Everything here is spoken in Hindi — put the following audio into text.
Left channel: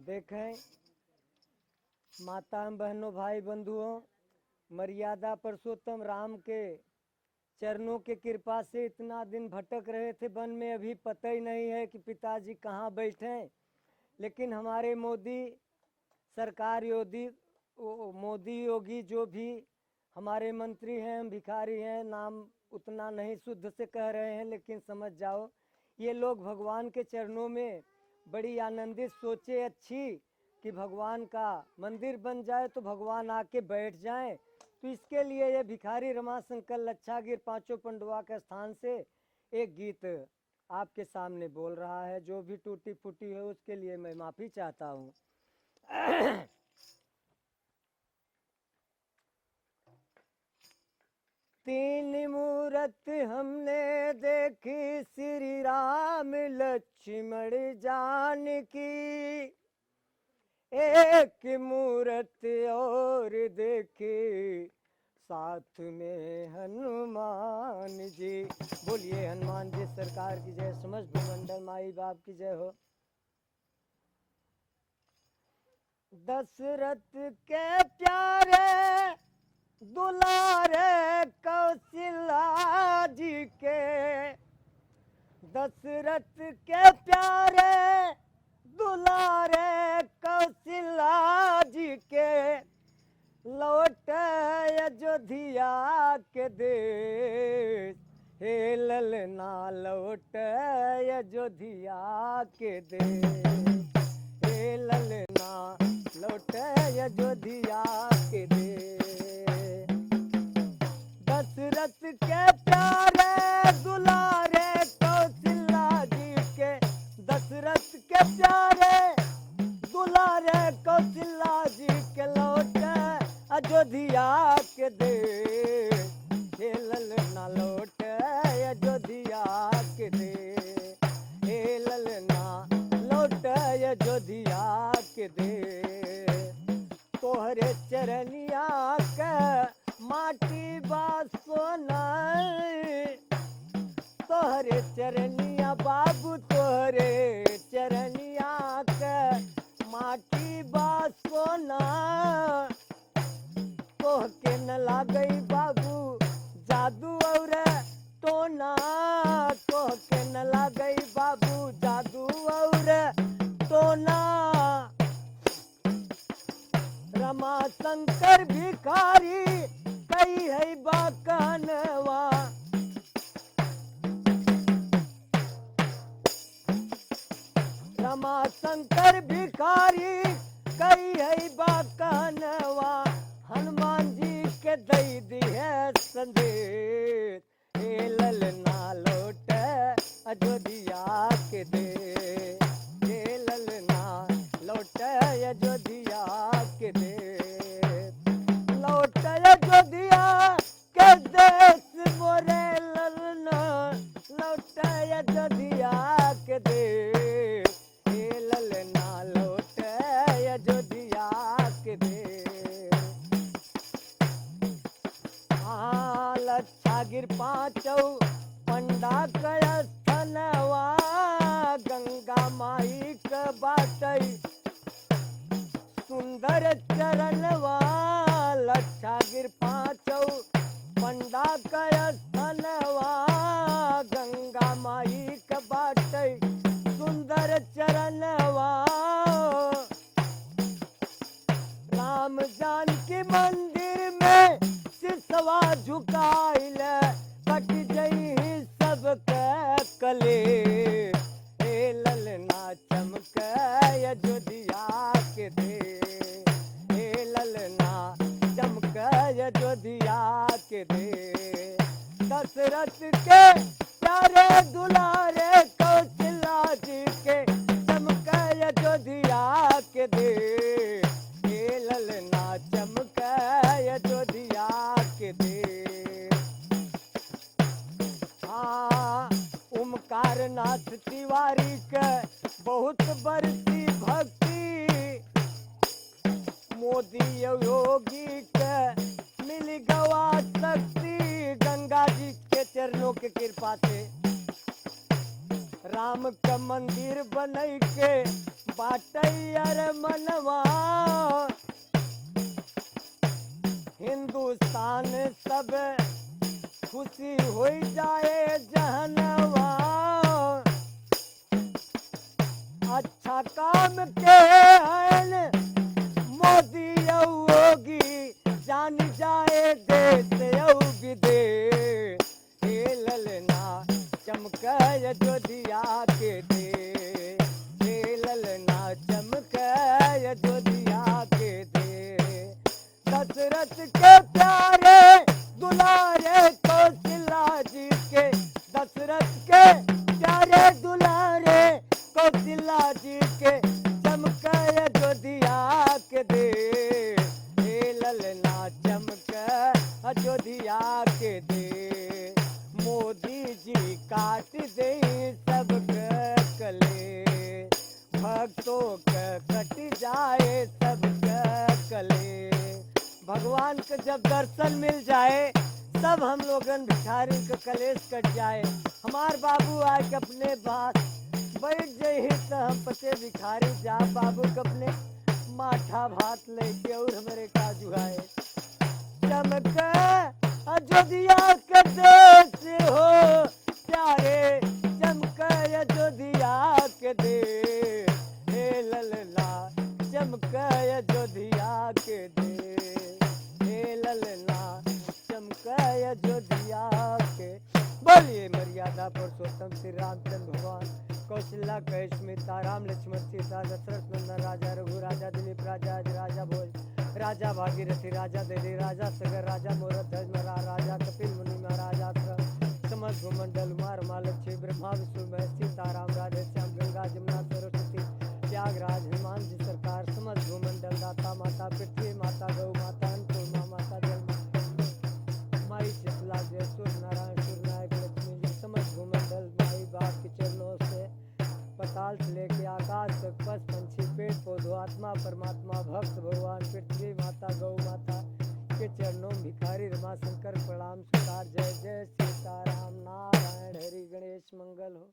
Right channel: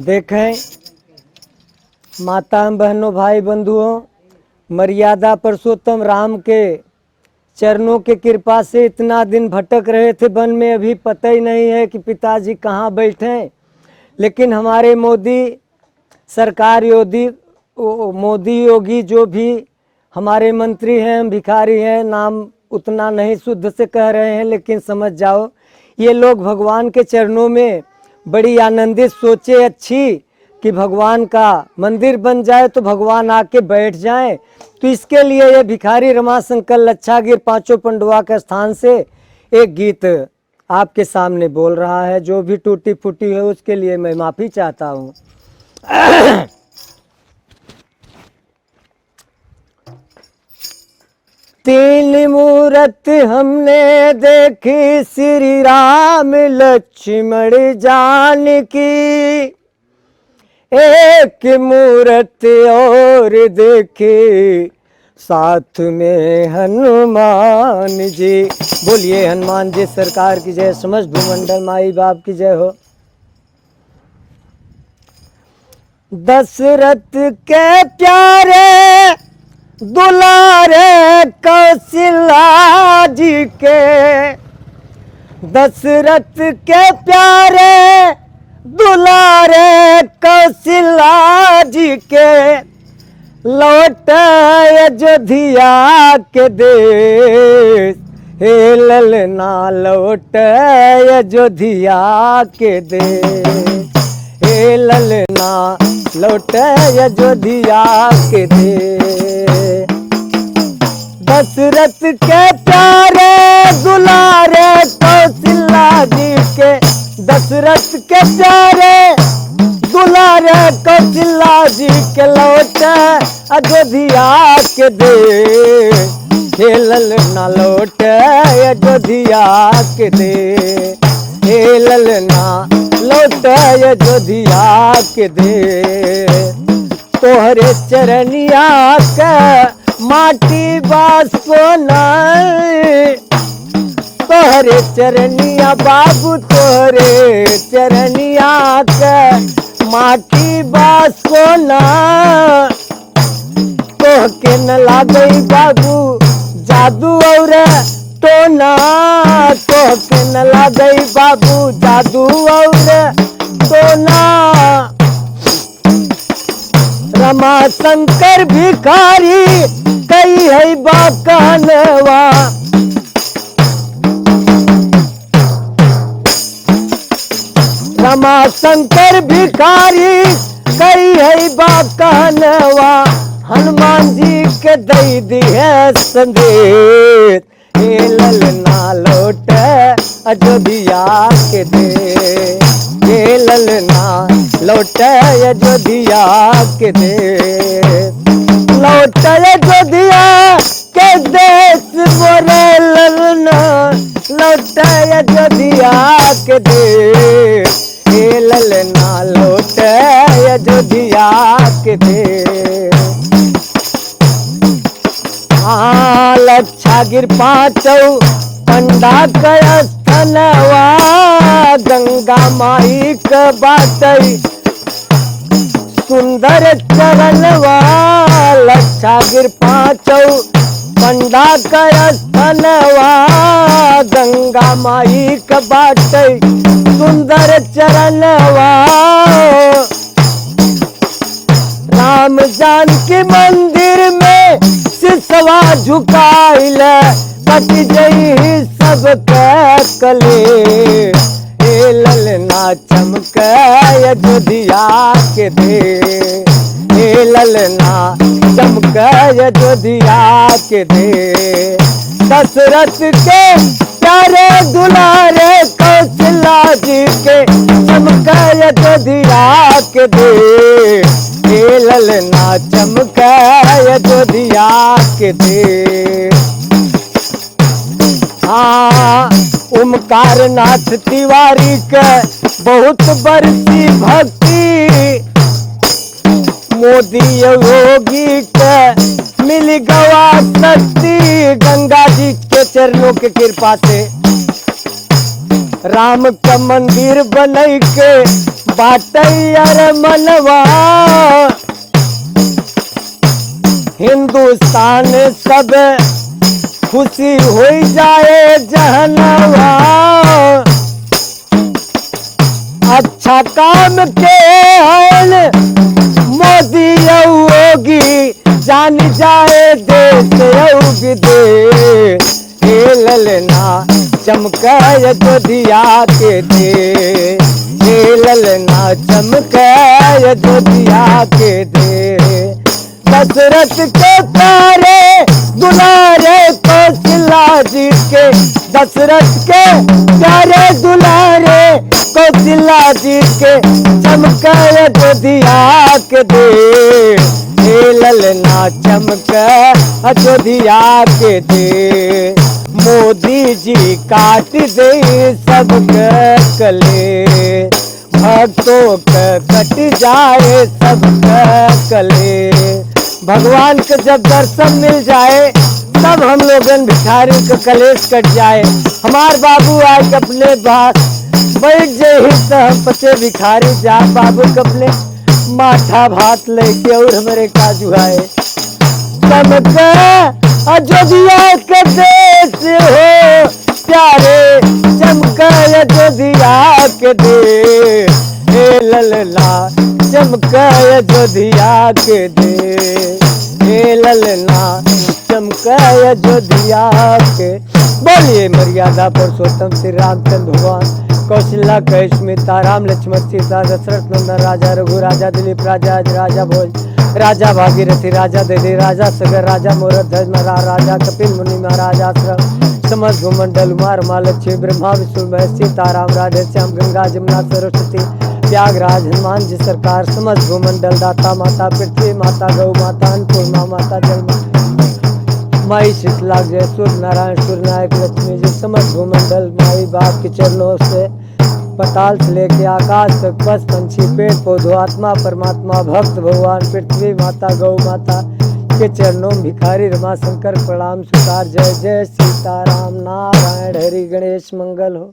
देखें माता बहनों भाई बंधुओं, मर्यादा पुरुषोत्तम राम के चरणों के कृपा से इतना दिन भटक रहे थे वन में, अभी पता ही नहीं है कि पिताजी कहाँ बैठे हैं। लेकिन हमारे मोदी सरकार मोदी योगी जो भी हमारे मंत्री हैं, भिखारी हैं, नाम उतना नहीं शुद्ध से कह रहे हैं, लेकिन समझ जाओ ये लोग भगवान के चरणों में बड़ी आनंदित सोचे अच्छी कि भगवान का मंदिर बन जाए तो भगवान आके बैठ जाएं। तो इसके लिए ये भिखारी रमाशंकर लच्छागिर पांचों पंडवा के स्थान से एक गीत आपके सामने बोल रहा है। जो भी टूटी फूटी है उसके लिए मैं माफ़ी चाहता हूँ। तीन मूरत हमने देखी, श्री राम लक्ष्मण जानकी, एक मूरत और देखी साथ में हनुमान जी। बोलिए हनुमान जी सरकार की जय, समस्त भूमंडल माई बाप की जय हो। दशरथ के प्यारे दुलारे कौशल्या जी के, दशरथ के प्यारे दुलारे कौशल्या जी के, लौट अयोध्या के देश, हे ललना लौट अयोध्या के देश, हे ललना लौट अयोध्या के देश। दशरथ के प्यारे दुलारे कौशल्या जी के, दशरथ के प्यारे दुलारे कौशल्या जी के, लौट अयोध्या के देश, हे ललना लौट अयोध्या के देश, हे ललना लौट अयोध्या के देश। तोहरे चरनिया के माटी बा सोना, तोहरे चरनिया बाबू तोहरे चरनिया के माटी बा सोना, तोह के न लागई बाबू जादू और टोना, तोह के न लागई बाबू जादू और टोना। रमा शंकर भिखारी कई है बाकनवा, रमा शंकर भिखारी कई है बाकनवा, हनुमान जी के दई दिए संदेश, हे ललना लौट अयोध्या के दे, हे ललना लौट अयोध्या के दे, लौट अयोध्या के देश मोरे ललना, लौट अयोध्या के देश, हे ललना लौट अयोध्या के देश। हाँ लच्छागिर पांचों पंडा का स्थनवा, गंगा माई का बाटई सुंदर चरणवा, लच्छागिर पांचों पंडा का स्थनवा, गंगा माई का बाटई सुंदर चरणवा। राम जानकी मंदिर में सिसवा झुकाइल, कट जई सब कले, हे ललना चमक अयोध्या के दे, हे ललना चमक अयोध्या के दे। दशरथ के प्यारे दुलारे कौशल्या जी के, चमक अयोध्या के दे, हे ललना चमक अयोध्या के दे। हाँ ओमकार नाथ तिवारी के बहुत बरसी भक्ति, मोदी योगी के मिल गवा शक्ति, गंगा जी के चरणों के कृपा से राम का मंदिर बनई के बाटैयर मनवा हिंदुस्तान सब खुशी हो जाए जहनवा। अच्छा काम के हैं मोदी योगी जान जाए देश और विदेश। हे ललना चमके जो दिया के दे, हे ललना चमके जो दिया के दे। दशरथ के प्यारे दुलारे कौशल्या जी के, दशरथ के प्यारे दुलारे कौशल्या जी के चमके जो दिया के दे। हे ललना चमके अयोध्या के दे। मोदी जी काट दे सबके कले, भक्तों के कट जाए सबके कले। भगवान के जब दर्शन मिल जाए तब हम लोगन भिखारी के कलेश कट जाए। हमार बाबू आए अपने पास बैठ जाए तो हम पचे भिखारी जा बाबू कपले माठा भात लेके और हमारे काजू आए। चमके अयोध्या के देश हो प्यारे, चमके अयोध्या के देश। हे ललना चमके अयोध्या के देश, हे ललना चमके अयोध्या के। बोलिए मर्यादा पुरुषोत्तम श्री रामचंद्र भगवान। कौशल्या कैश्मिता राम लक्ष्मण सीता दशरथ नंदन राजा रघु राजा दिलीप राजा अज राजा भोज राजा भागीरथी राजा दधि राजा सगर राजा मोरत ध्वज महाराज राजा कपिल मुनि महाराज आश्रम समस्त भूमंडल उमार महालक्ष्मी ब्रह्मा विष्णु महेश सीताराम राधे श्याम गंगा जमुना सरस्वती त्यागराज हनुमान जी सरकार समस्त भूमंडल दाता माता पृथ्वी माता गौ माता अन्नपूर्णा माता जल माई शीतला जय सूर्य नारायण सूर्य नायक लक्ष्मी जी समस्त भूमंडल माई बाप के चरणों से पताल से लेके आकाश तक पशु पंछी पेड़ पौधों आत्मा परमात्मा भक्त भगवान पृथ्वी माता गौ माता के चरणों में भिखारी रमा शंकर प्रणाम स्वीकार। जय जय सीताराम नारायण हरि गणेश मंगल हो।